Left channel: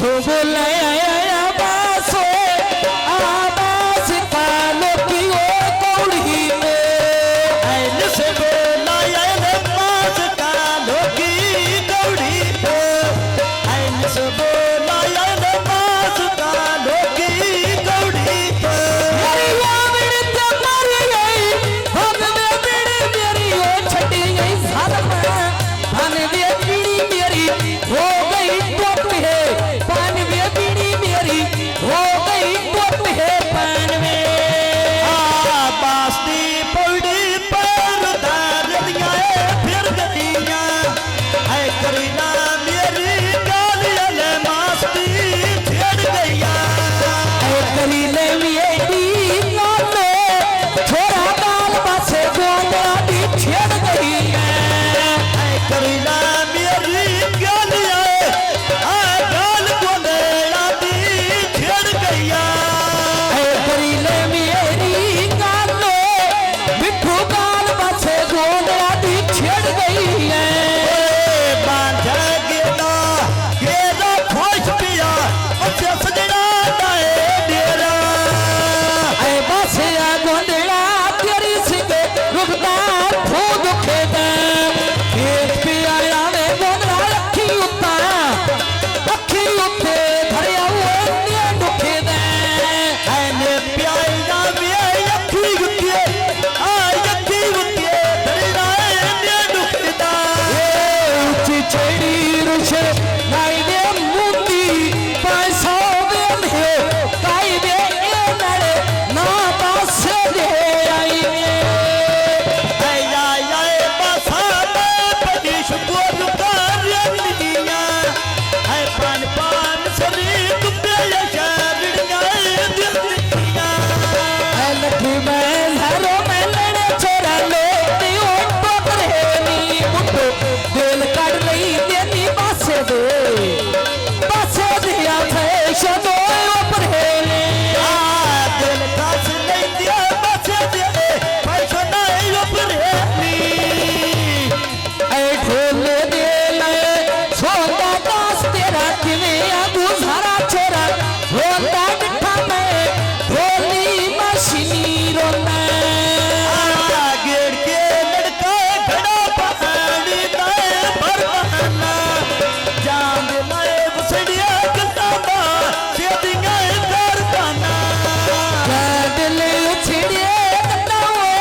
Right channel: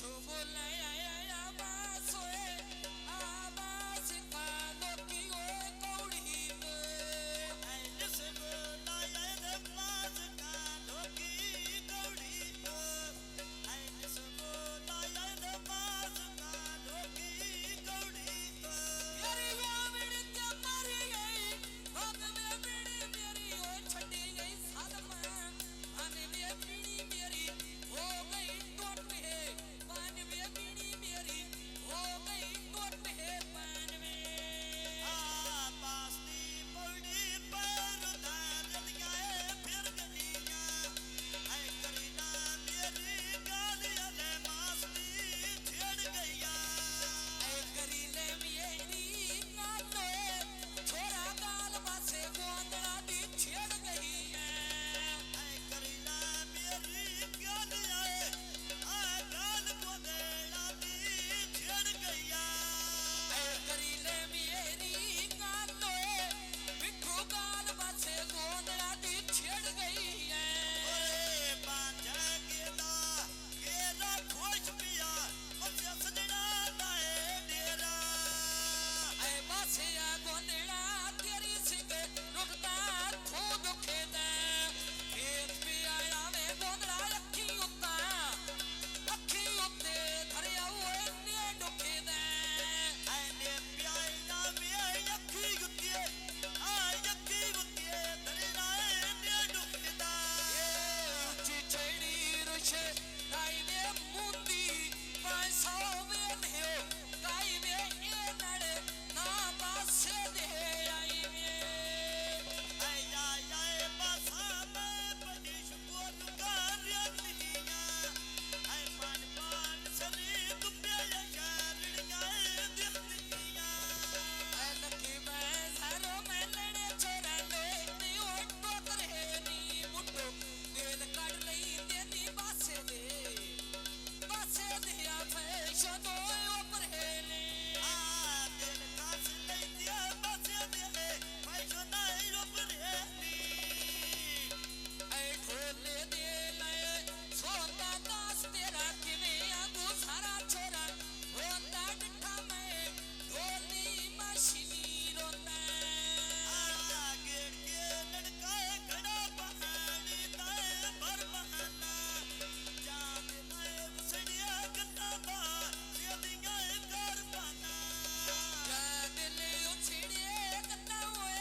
सो बोले बासो आबास कालो की ओ कौड़ी में ऐन से बोला बास कालो की कौड़ी पे ऐन से बोला बास कालो की कौड़ी पे मेरी यामिन ते मर गई हम में बीड़ी मेरी ओ छटी गई साल में धन में बीड़ी मेरी हो गई टोट है पान में बीड़ी मेरी हो गई टोट है पान में बास्ती पौड़ी पर धार दिया फिर गलियां है करीना मेरी गालियां मास्ती छेड़ गया है करीले मेरी गाले छोरा बाल बसे गोंदा दी छेड़ गई है करीना मेरी गालियां गाल गोंदेड़ा दी छेड़ गया है करीले मेरी गाले मिठू बाल बसे गोंदा दी छेड़ गई है बांधा गेदा गेदा खोश पिया अच्छे सजना दाए डेरा ऐ बसिया गोंदड़ा तेरी सिंगे रुकदा फू दुखेदा खेत पिया आवे गोंदड़ा अखी उत्ता धरिया हुए ने दुखेदा ऐने प्याइना वे अखी गुतिए अखी गुतिए धरना ने दुखदा ऊंची चढ़ी रुछे नाई दे मुंदी पैसा देन है काई दे ए नड़े ना पासे दे आई आया आए बसा पड़ी शुकोर कारिया है पान पान सरी तुपे शरणिया दिया लठी में लहरों में लड़े छोरा लोटी ओटो करे नी मुट्ठो दिल काट रही तेनी पासे दिया फैशन दो ऊपर है दिल कास नहीं दिया बचे दे पैसा नहीं उपरेनी ऐ ढोल दे ले सोता दास तेरा किवें गुजारा छोरा रोता डिठा में ढोली मशीनी रोना गेड़ के लड़का खड़ा पहाड़ी दाए पर बहाना जान लाए बसड़िया किताबा सेदियां कारखाना दिल छिड़े कटावे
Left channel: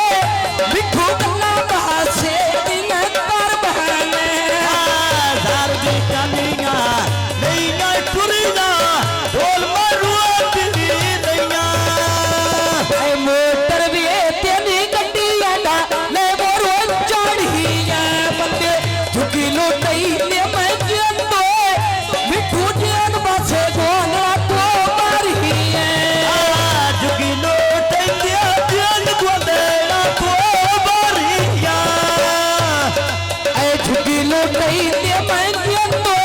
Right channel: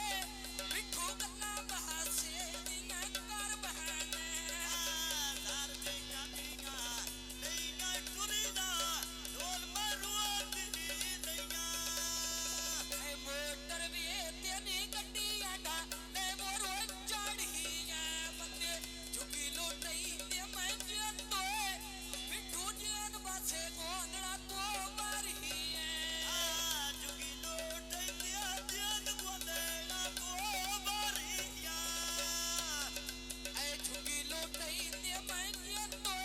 मिठू कन्ना बहासे दिन कर बहाने जार दी कानिया नैया टुरीना ढोल मारुआ दिली नैया ऐ मोटर भी तेरी गड्डी आदा ले मोरो चढ़िया बंदे झुकी लुटई ले मैं जंदो मिठू जन बसे गोला तो मारी है जुगी लोट दिया दिल गोदेड़ा को बारिया ऐ झुकी लुटई ले मैं जंदो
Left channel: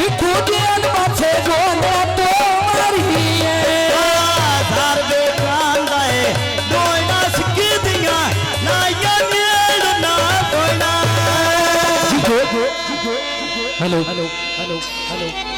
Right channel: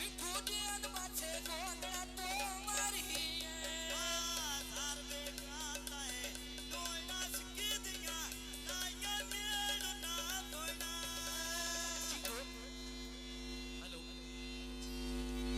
मिठू जन बसे गोला तो मारी है धार दे कांदाए दोइना सिक्की दिया ना या नीड़ ना दोइना हेलो हेलो हेलो हेलो